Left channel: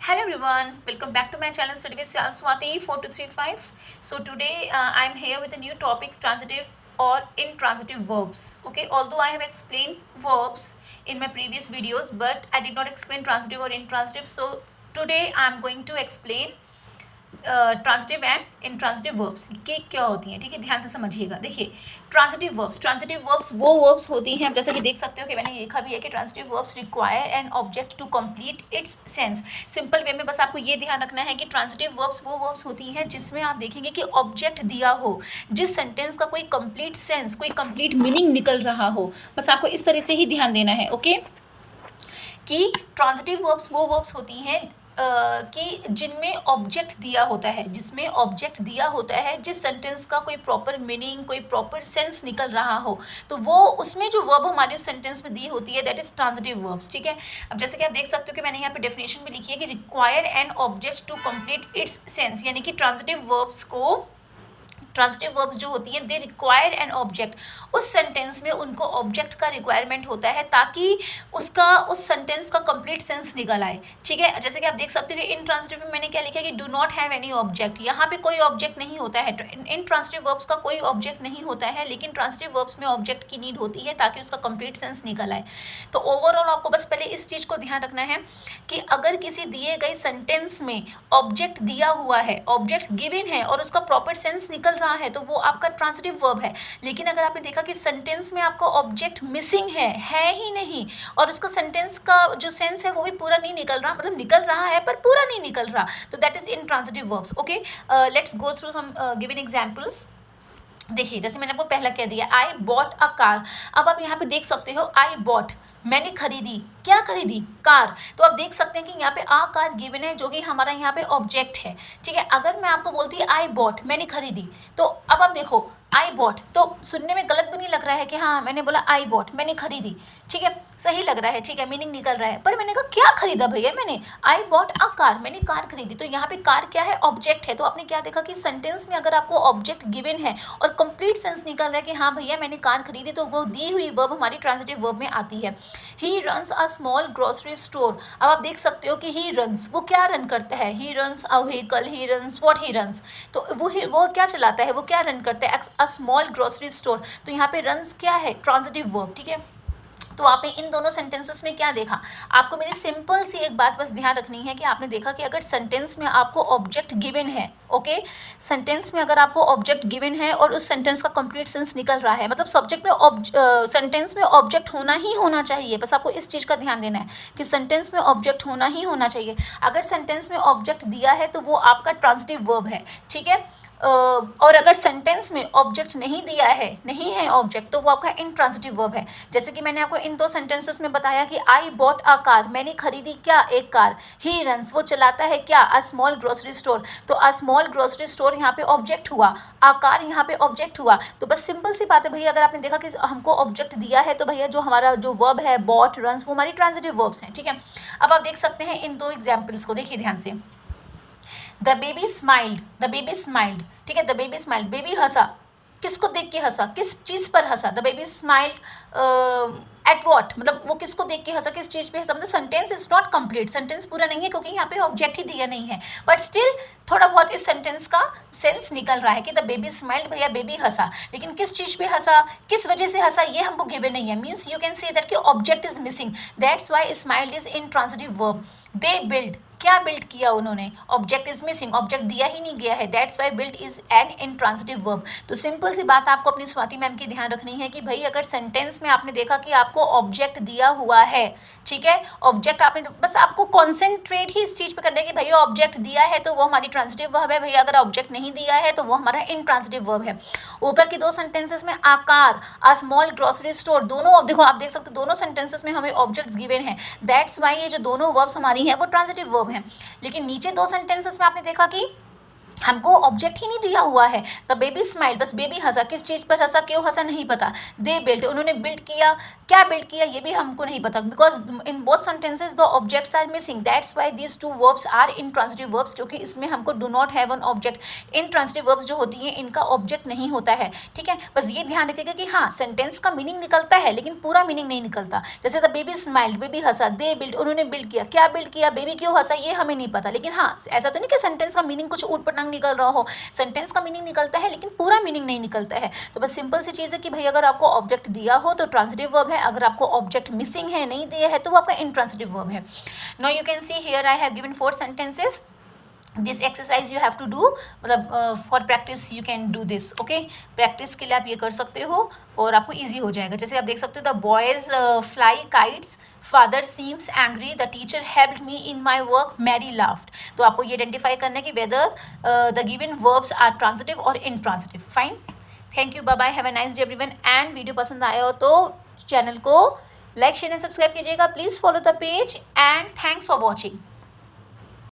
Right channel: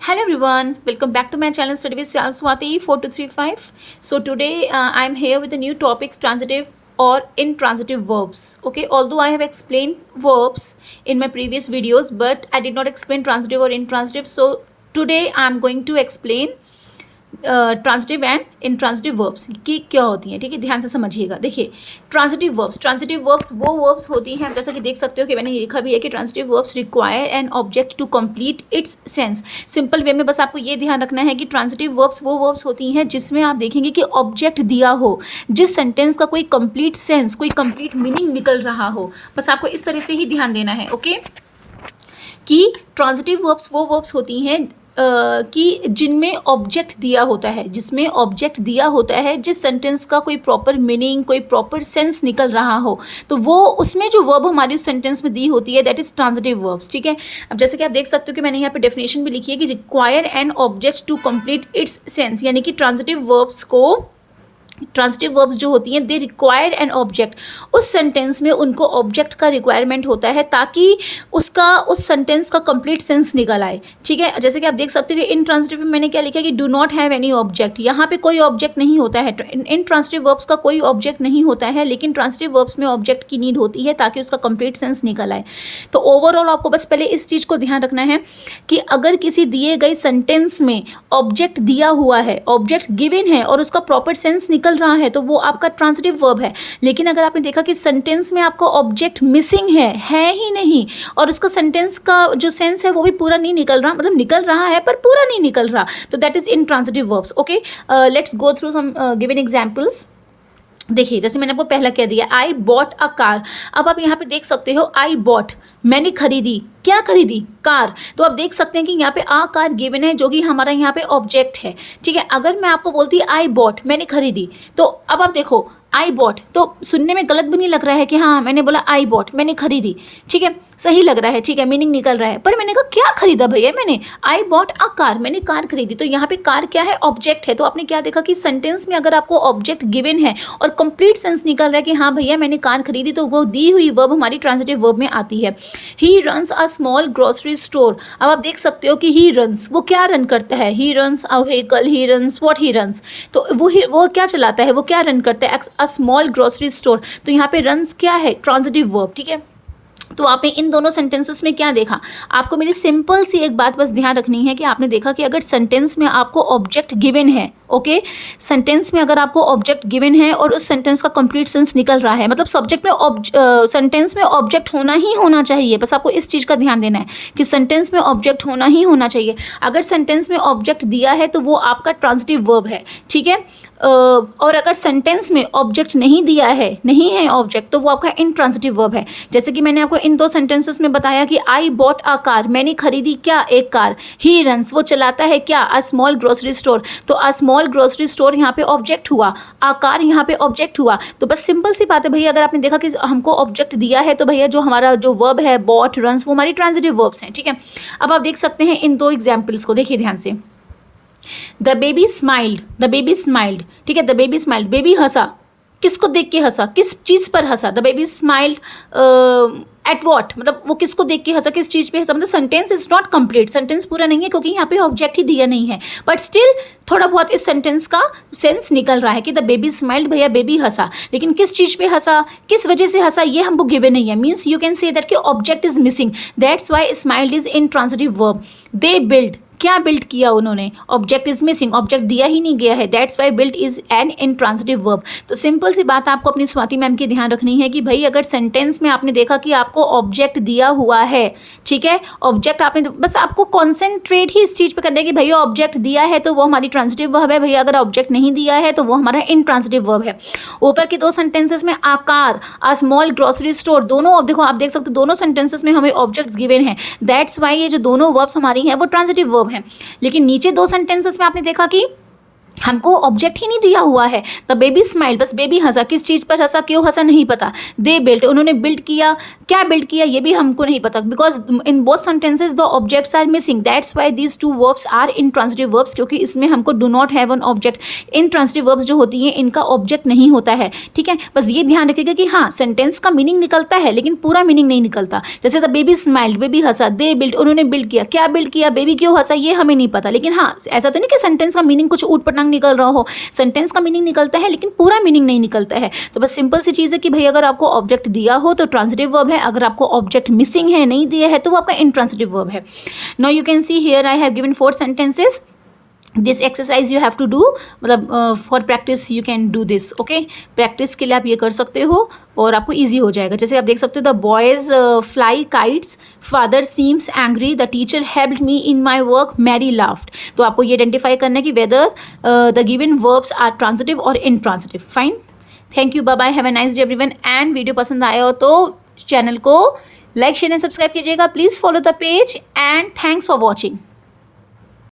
Hello everyone, welcome back to my channel Study with Swati 4235. So today I'm here with a new topic, transitive or intransitive verbs. Okay, although I have explained verbs in my previous videos, but I did not explain transitive or intransitive. So today I'm going to explain transitive and intransitive verbs की क्या होती हैं। ठीक है, ध्यान से समझिएगा। देखिए, ट्रांजिटिव वर्ब्स वो वर्ब्स होती हैं, जैसे कि देख सकते हो कि मैंने लिखा भी है कि transitive verbs require an object to complete its sense. Simple way में बस आपको ये ध्यान रखना है कि ट्रांजिटिव वर्ब्स वो वर्ब्स होती हैं जिसमें आप देखेंगे कि ऑब्जेक्ट दिया हो, जिस सेंटेंस का कोई कंप्लीट सेंस, कोई कंप्लीट मीनिंग निकल रहा हो। बस आपको इस तरह से ही ध्यान देना है। ओके, कि ट्रांजिटिव वर्ब्स वो वर्ब्स होती हैं कि जिनमें ऑब्जेक्ट दिया होता है, जिसमें ऑब्जेक्ट दिया होता है, जिस सेंटेंस का कोई प्रॉपर मीनिंग, कोई प्रॉपर सेंस निकल रहा हो, तो वो उसमें जो वर्ब हमारी उस सेंटेंस में दी होती है, दैट इज ट्रांजिटिव वर्ब्स। ठीक है, अब जैसे कि आप देख सकते हो कि मैंने यहाँ पे डेफिनेशन भी लिखी है कि require an object to complete its sense, यानी कि ट्रांजिटिव वर्ब्स जो होती हैं, दे रिक्वायर एन ऑब्जेक्ट। उस सेंटेंस में उनको ऑब्जेक्ट का रिक्वायरमेंट होता है ताकि उस सेंटेंस का कंप्लीट सेंस निकल आए। ठीक है, जैसे कि आप देख सकते हो कि इन ट्रांजिटिव में मैंने क्या लिखा है कि do not have any object. यहाँ पे कोई ऑब्जेक्ट नहीं होता है, इन ट्रांजिटिव वर्ब्स का कोई ऑब्जेक्ट नहीं होता है, लेकिन ट्रांजिटिव वर्ब्स में ऑब्जेक्ट की नीड होती है ताकि उसका कंप्लीट सेंस निकल आए। तो ओवरऑल आपको बस पहले इस चीज़ को ध्यान रखना है कि अगर किसी दिए गए सेंटेंस में ऑब्जेक्ट दिया हुआ है, ऑब्जेक्ट गिवन है और उसका प्रॉपर सेंस निकल रहा है, तो वो आपका ट्रांजिटिव वर्ब है। लेकिन अगर आपने देखा कि सेंटेंस में आपको ऑब्जेक्ट मिसिंग है ही नहीं, और उसका सेंटेंस का जो सेंस है वो भी पूरा नहीं निकल रहा, मतलब निकल रहा है पर पूरा नहीं निकल रहा, तो that is intransitive verbs. Okay, let's go through some given examples. देखिए, जैसे मैंने आपको पहला कह दिया, आई बॉट अ कार। अब आप यहाँ पे देख सकते हो, आई बॉट, मैंने खरीदी। क्या खरीदी? कार। तो आप देख सकते हैं कि यहाँ पे आ कार गिवन है, जो कि हमारा यहाँ पे ऑब्जेक्ट है। ठीक है, अगर मैं आपको बोलती आई बॉट, मैंने खरीदी, तो अब आप देखो आई बॉट, तो सुनने में गलत भी नहीं लग रहा है कि हाँ मैंने बोला आई बॉट, मैंने खरीदी। ठीक है, सही लग रहा है, ठीक है, मीनिंग निकल रहा है। पर मैंने कहा क्या खरीदा भैया मैंने? आई बॉट अ कार, मैंने कार खरीदी। तो यहाँ पे कार क्या है? ऑब्जेक्ट है। तो आपने क्या देखा कि सेंटेंस में अगर आपको ऑब्जेक्ट गिवन है और कंप्लीट सेंस निकल रहा है कि हाँ भैया मैंने कार खरीदी, तो वो दी हुई वर्ब हमारी ट्रांजिटिव वर्ब में आती है। He runs a small grocery store. अब आप देख सकते हो कि ही रन्स, वो क्या रन करता है? He runs a vehicle, he runs what he runs. तो वो क्या चलाता है, वो क्या रन करता है? A small grocery store. तो यहाँ पे रन्स क्या है? Transitive verb. ठीक है, तो आपने इन दोनों सेंटेंसेस में क्या देखा? आपको मेरी सिंपल सी एक बात बस ध्यान रखनी है कि आपने देखा कि अगर सेंटेंस में आपको ऑब्जेक्ट गिवन है, ओके, सेंटेंस में अगर आपको ऑब्जेक्ट गिवन है और उस सेंटेंस का कंप्लीट सेंस निकल रहा है, मतलब सब्जेक्ट में सेंटेंस में ऑब्जेक्ट होना ही होना चाहिए। बस आपको इस चीज़ का ध्यान देना है कि सेंटेंस में ऑब्जेक्ट होना ही होना चाहिए। अगर सेंटेंस में ऑब्जेक्ट दिया है तो वो आपका ट्रांजिटिव वर्ब है। ठीक है, और अगर सेंटेंस में ऑब्जेक्ट नहीं दिया है, नहीं है ऑब्जेक्ट, तो वो आपका इंट्रांजिटिव वर्ब है। जैसे कि मैंने आपको इन दो सेंटेंसेस में बताया कि आई बॉट अ कार, मैंने खरीदी क्या? एक कार। ही रन्स, वो चलाता है क्या? A small grocery store. तो अ स्मॉल ग्रोसरी स्टोर यहाँ पे ऑब्जेक्ट हुआ, अ कार यहाँ पे ऑब्जेक्ट हुआ। तो बस सिंपल सी बात है भैया, अगर आपने देखा कि हमको ऑब्जेक्ट दिया है, तो भैया जो हमारा जो वर्ब है बॉट, रन्स, वो हमारी ट्रांजिटिव वर्ब्स हैं। ठीक है, अब आप देख सकते हैं इन दो एग्जाम्पल्स को, देखिए ध्यान से। The baby smiled, the baby smiled. ठीक है, द बेबी स्माइल्ड, बेबी हंसा। किसको देख के हंसा? किस चीज़ पर हंसा? The baby smiled at what, मतलब वो किसको देख के हंसा, किस चीज़ पे हंसा? मतलब sentence is not complete, sentence पूरा नहीं है क्योंकि यहाँ पे ऑब्जेक्ट ही दिया नहीं है, बट स्टिल थोड़ा बहुत इस सेंटेंस का सेंस निकल रहा है कि द बेबी स्माइल्ड, भैया बेबी हंसा। लेकिन किस चीज़ पे हंसा, किस वजह से हंसा, ये हमको गिवन नहीं है। Means you can say that कि object is missing, that's why smiled is intransitive verb. They build, क्या बिल्ड किया उन्होंने? ऑब्जेक्ट इज मिसिंग, ऑब्जेक्ट दिया ही नहीं गया है, that's why build is an intransitive verb. तो सिंपल सी बात आपको अपनी स्वाति मैम की ध्यान रखनी है कि भाई अगर सेंटेंस में आपने देखा कि आपको ऑब्जेक्ट दिया हुआ है, ठीक है, ऑब्जेक्ट आपने, बस आपको कॉन्सेंट्रेट ही इस चीज़ पे करना है कि भैया ऑब्जेक्ट दिया है तो वो हमारी ट्रांजिटिव वर्ब है, भैया अगर ऑब्जेक्ट नहीं दिया है तो वो हमारा इंट्रांजिटिव वर्ब है। ऊपर की दो सेंटेंसेस में आकार, अ स्मॉल ग्रोसरी स्टोर, दोनों, अब देखो आप देख सकते हो दोनों सेंटेंसेस में हमें ऑब्जेक्ट्स गिवन है, दैट्स वाई ये जो दोनों वर्ब्स हमारी हैं वो ट्रांजिटिव वर्ब हैं। लेकिन नीचे दो सेंटेंसेस में आपने देखा कि हमको ऑब्जेक्ट ही नहीं दिया हुआ है। द बेबी स्माइल, बस बेबी हंसा, किस चीज़ पर हंसा, क्यों हंसा, नहीं पता। दे बिल्ट, उन्होंने बिल्ड किया, क्या बिल्ड किया ये भी हमको नहीं पता, because in both sentences the objects are missing, that's why these two verbs are intransitive verbs, क्योंकि इसमें हमको do not have an object. Intransitive verbs जो होती हैं इनका ऑब्जेक्ट नहीं होता है, ठीक है। बस ये ध्यान रखिएगा कि हाँ सेंटेंस का मीनिंग निकलता है लेकिन पूरा मीनिंग नहीं निकलता। जैसे the baby smiled, baby Hansa, they build, उन्होंने बिल्ड किया, क्या बिल्ड किया, बेबी क्यों हंसा, ये हमें नहीं पता। लेकिन हाँ ऐसा तो नहीं कि सेंटेंस का मीनिंग कुछ ऊट पटांग निकल रहा हो, सेंटेंस का मीनिंग निकलता है लेकिन पूरा मीनिंग नहीं निकलता है। तो बस सिंपल सी चीज़ है कि भाई अगर आपको ऑब्जेक्ट दिया हो तो ट्रांजिटिव वर्ब है, अगर आपको ऑब्जेक्ट मिसिंग है, नहीं दिया है, तो वो आपका इंट्रांजिटिव वर्ब है। Now you can see here I have given 4 sentences. This exercise you have to do, मतलब for practice you can do this, okay. Practice के लिए आप ये कर सकते हो और आपको ईजी हो जाएगा। जैसे आप देख सकते हो the boys fly kites, father seems angry, the teacher helped me in my work, Mary laughed. तो आपको ये आइडेंटिफाई करना है कि whether the given verbs are transitive और intransitive. Fine, thank you, bye bye, have a nice day everyone. And video पसंद आया हो तो चैनल को लाइक शेयर एंड सब्सक्राइब कीजिएगा, please follow the page and thanks for watching.